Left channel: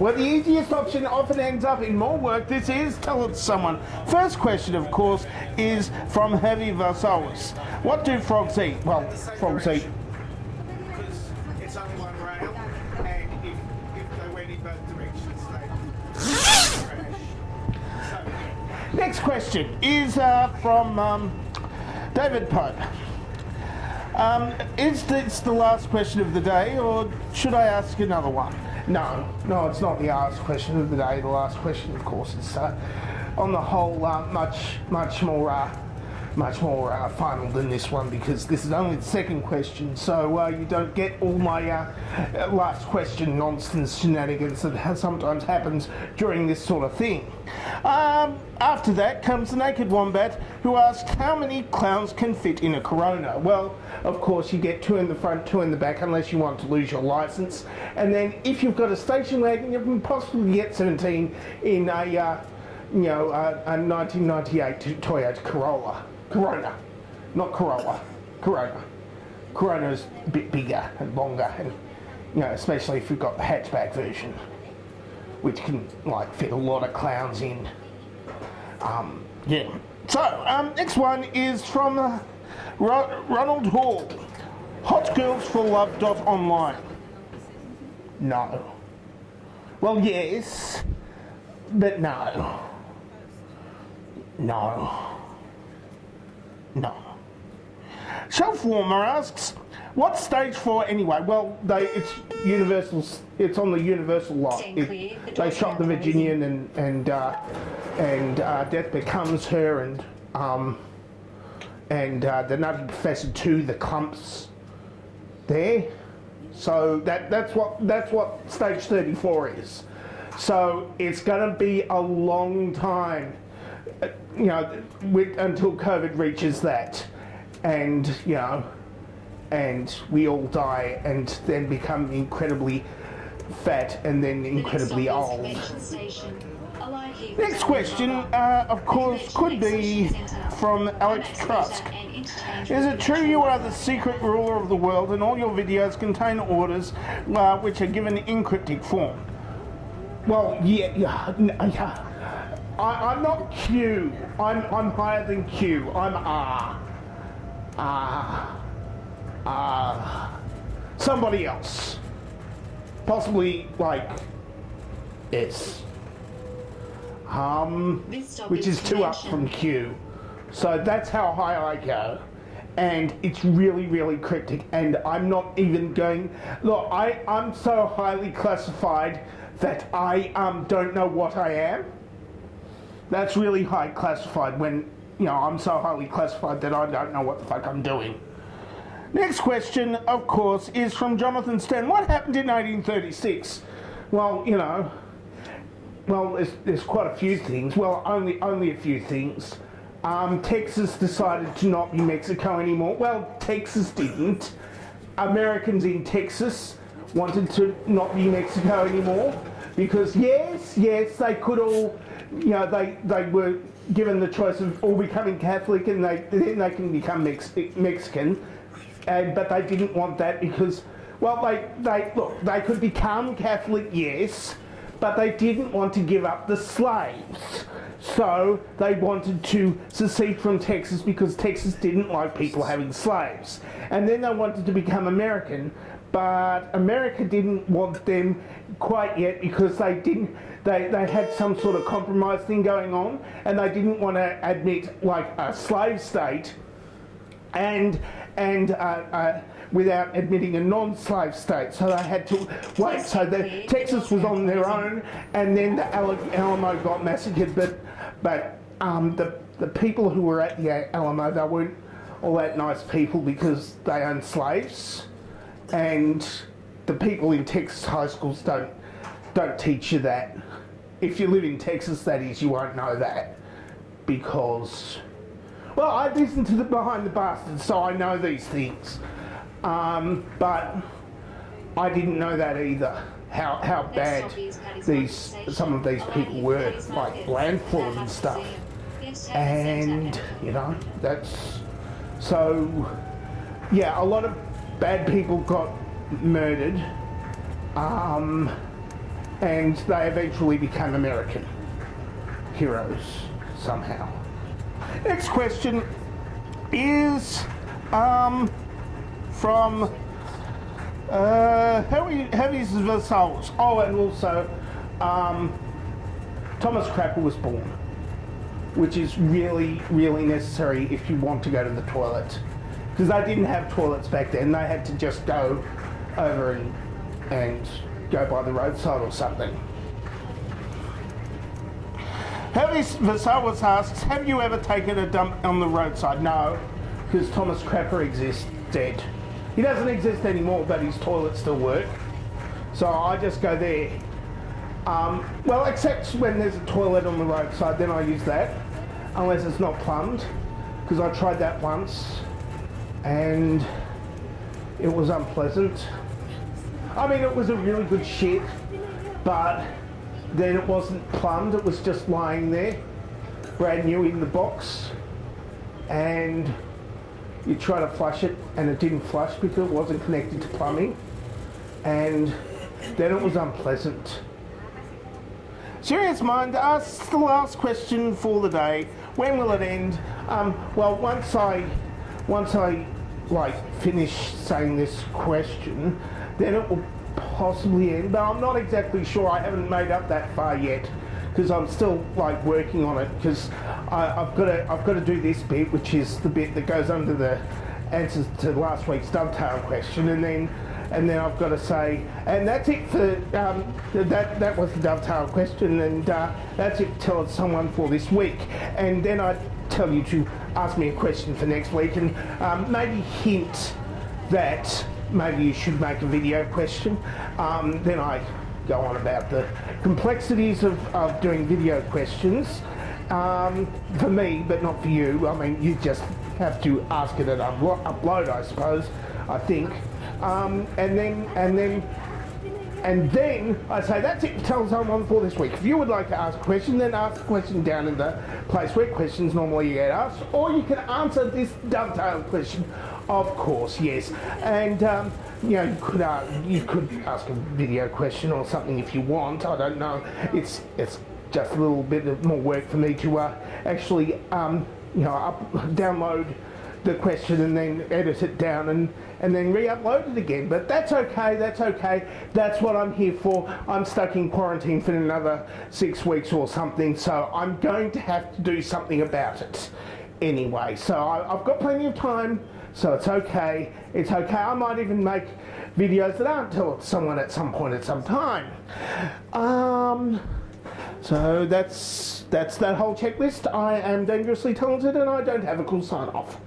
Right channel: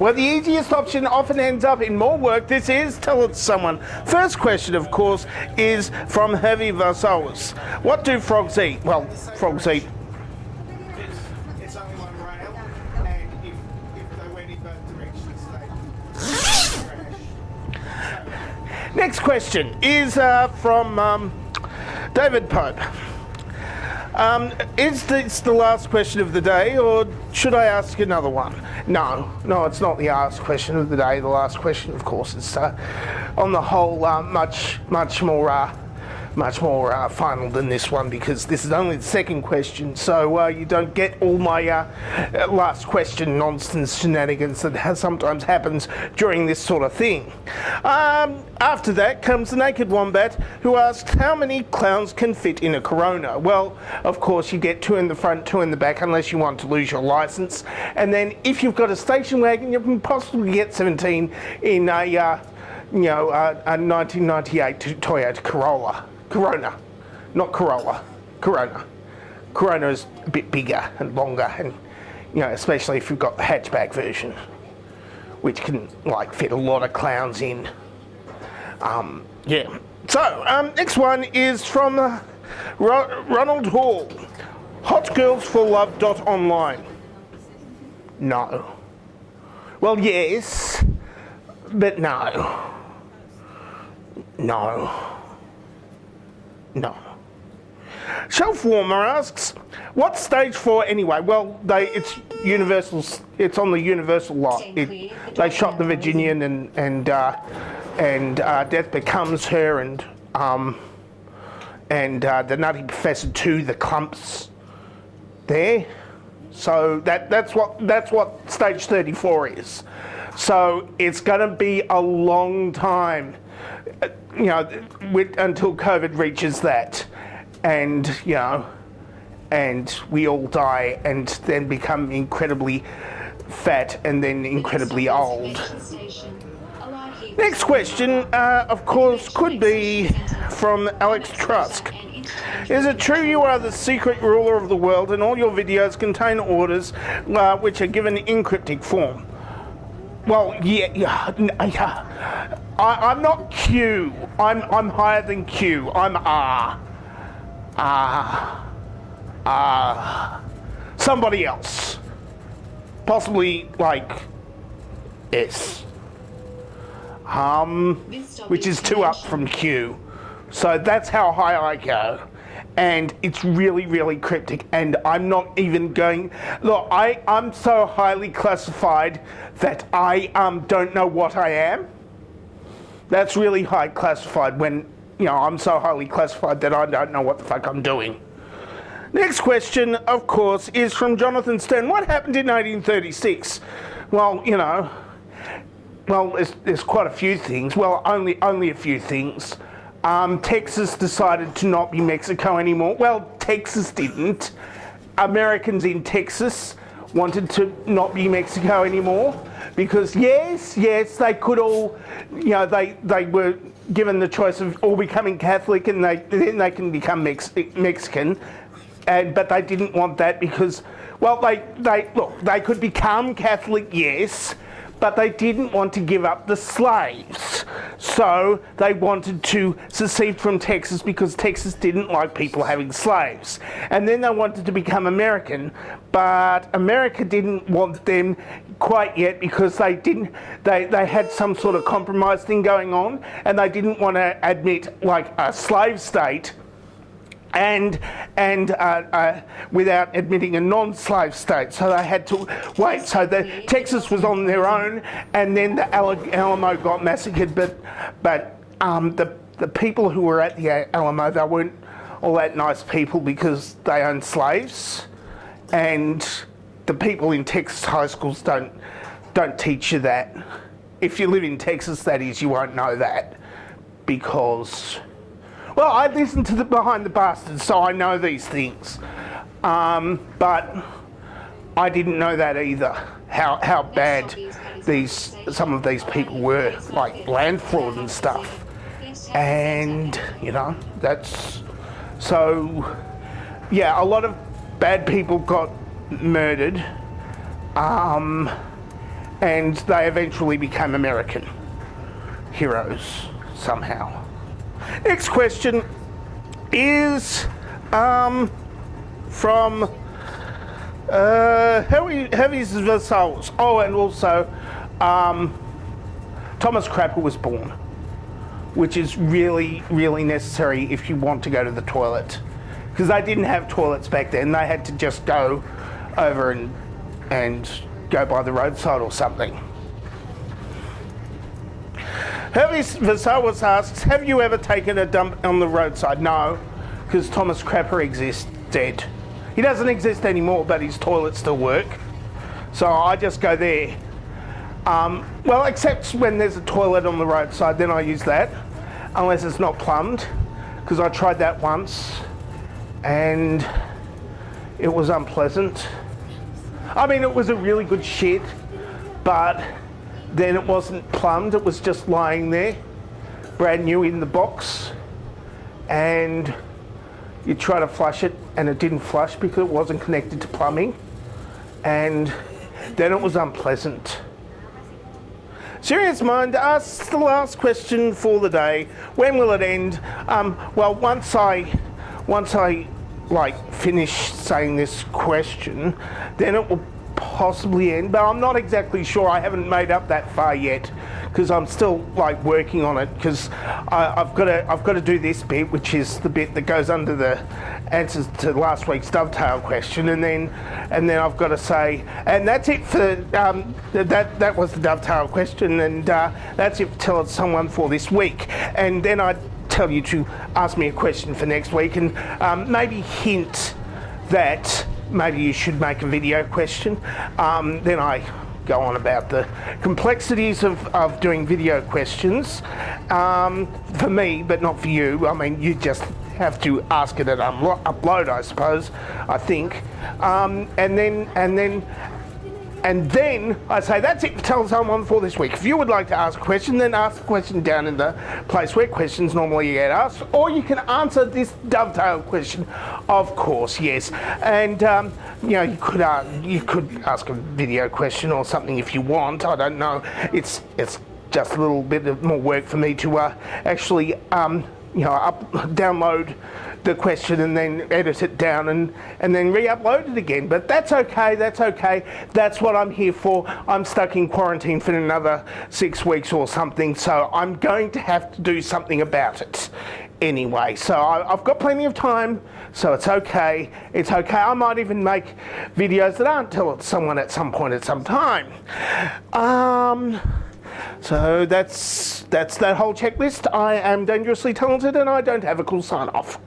Well, the easiest option often ends up in more work. This is Tell It to Someone. First question, of course, is from Hervey Varsalis. What do frogs eat? Well, frogs eat. It's only one rail, and if they went in both directions, they crash. Next question is from David Pope. Is this the last question of the day, or should I ask another one? No, it's not the last question of the day. The last question, of course, is on the whole much more final than this one, because this is only the second question, so you don't get all my last question nonsense shenanigans that sometimes happens during this sort of thing. After that comes the Naked Wombat, who asks how many clowns can fit in a Corona. Well, of course you get 2 in the front, 2 in the back, unless you want to lose your licence, and then if you've got a station wagon you can possibly get 17 in a 1998 Toyota Corona, not Corolla, Corona. Corona's a bit bigger and longer, and especially if you've got the hatchback version, which can fit a lot of clowns in. So next one is from Ronald Hall. Hotgirlsforlove.online. No. Well, yes, but no. No. Shelf Warmer asks, what's stage 4 anyway? Well, it's Universal. It's on the Universal lot. They shot the Virginian and Death Becomes Her and the Nutty Professor 2, the clumps there. So that's what stage 34 is. So it's going to be a long time, until COVID reaches that, and and we all die and then become incredibly fat and then incredibly old. Next question, of course, could be from Alex Trusk. Is it true you are the secret ruler of the world and all your videos contain orders which are given in cryptic form? Well, yeah. I'm not Q. I'm higher than Q. I'm R. Somebody else. Possibly S. Which is 2 up from Q. So that's how high I go. And it's really, really cryptic. And I'm not even going... Look, I'm so highly classified that I don't know what I am. That's really high classified when, I'm so highly classified that I don't know what the fuck I'm doing. Next question, of course, is from Jonathan Stern. What happened in 1836? Well, there's quite a few things. Well, only a few things. Texas decided to not be Mexico anymore. Well, Texas didn't. Americans in Texas wanted to not be Mexico anymore because yes, they could all, they were given the choice of all becoming Catholic and then they can become Mexican, but they didn't want that because, well, they could become Catholic, yes, but they didn't want to give up the slaves. So they wanted to secede from Texas because Texas didn't like people having slaves. And then they wanted to become American, but America didn't want them quite yet because they had some sort of compromise thing going on and they didn't want to admit a slave state and without admitting a non-slave state, so they had to wait. So Texas was on their own, and then the Alamo got massacred. But the people who were at the Alamo, they weren't all that nice people because they owned slaves, and the people in Texas high schools don't teach you that. If you live in Texas, that is, you won't know that because. Well, I listen to the Behind the Bastards, so I know these things. But I didn't know that either, how bad some of these people were, like land fraud and stuff. And, that's... So, yeah, a lot of bad people got murdered. and they eventually became American heroes somehow. Next question is from Heavy's Versailles. Oh, and also Thomas Crapper was born, which is really, really necessary if you want to go to the toilet, because they didn't have toilets back then. They had to just go over and go by the roadside or something. Heavy's Versailles asks, have you ever taken a dump on the roadside? No, because Thomas Crapper exists, dead. He doesn't exist anymore, but his toilets still work. So I just go there. Well, except when there's a toilet on the roadside, then I use that, unless it's not plumbed, because I tried that once and it was unpleasant. I mean, it was a really good shit, but then it wasn't plumbed, it was just lying there, brand new in the box, and you try to flush it and it didn't flush because it wasn't connected to plumbing, and then it was unpleasant. Serious Mind asks the last question for the day. When will it end? Well, once I finish saying this question, then it will possibly end, but I'm not exactly sure. I haven't made up that far yet, because I'm still working on it, because I've got to do this bit, which is the bit that goes under the answers to last week's dovetail question, and then I've got to say, and that's it for that was the dovetail question, and that's it. Tell it to someone for this week, and then I tell you to ask me a question for next week, and maybe hint that maybe you should make a video question. Then I go on about the complexities of doing video questions for me, but not for you. I mean, you just have to ask it and upload, I suppose, I think. And then I say, that's it, tell someone for this week. If you would like to ask a question, then ask the question down in the place where questions normally get asked, or you can answer this dovetail question, of course, yes. And you could ask a video question or something if you want. I don't know. It's just a little bit of more work for me to actually download the question and then edit it down and then re-upload it again. But that's okay, that's okay. That's what I'm here for. I'm stuck in quarantine for another 6 weeks or something, so I'm going to have to do something about it anyway. So I've got plenty of time, so it's okay. It's okay. I might even make videos that aren't tell it to someone at some point at some time. So that's that whole checklist. I am dangerously talented and I don't have a cool sign off.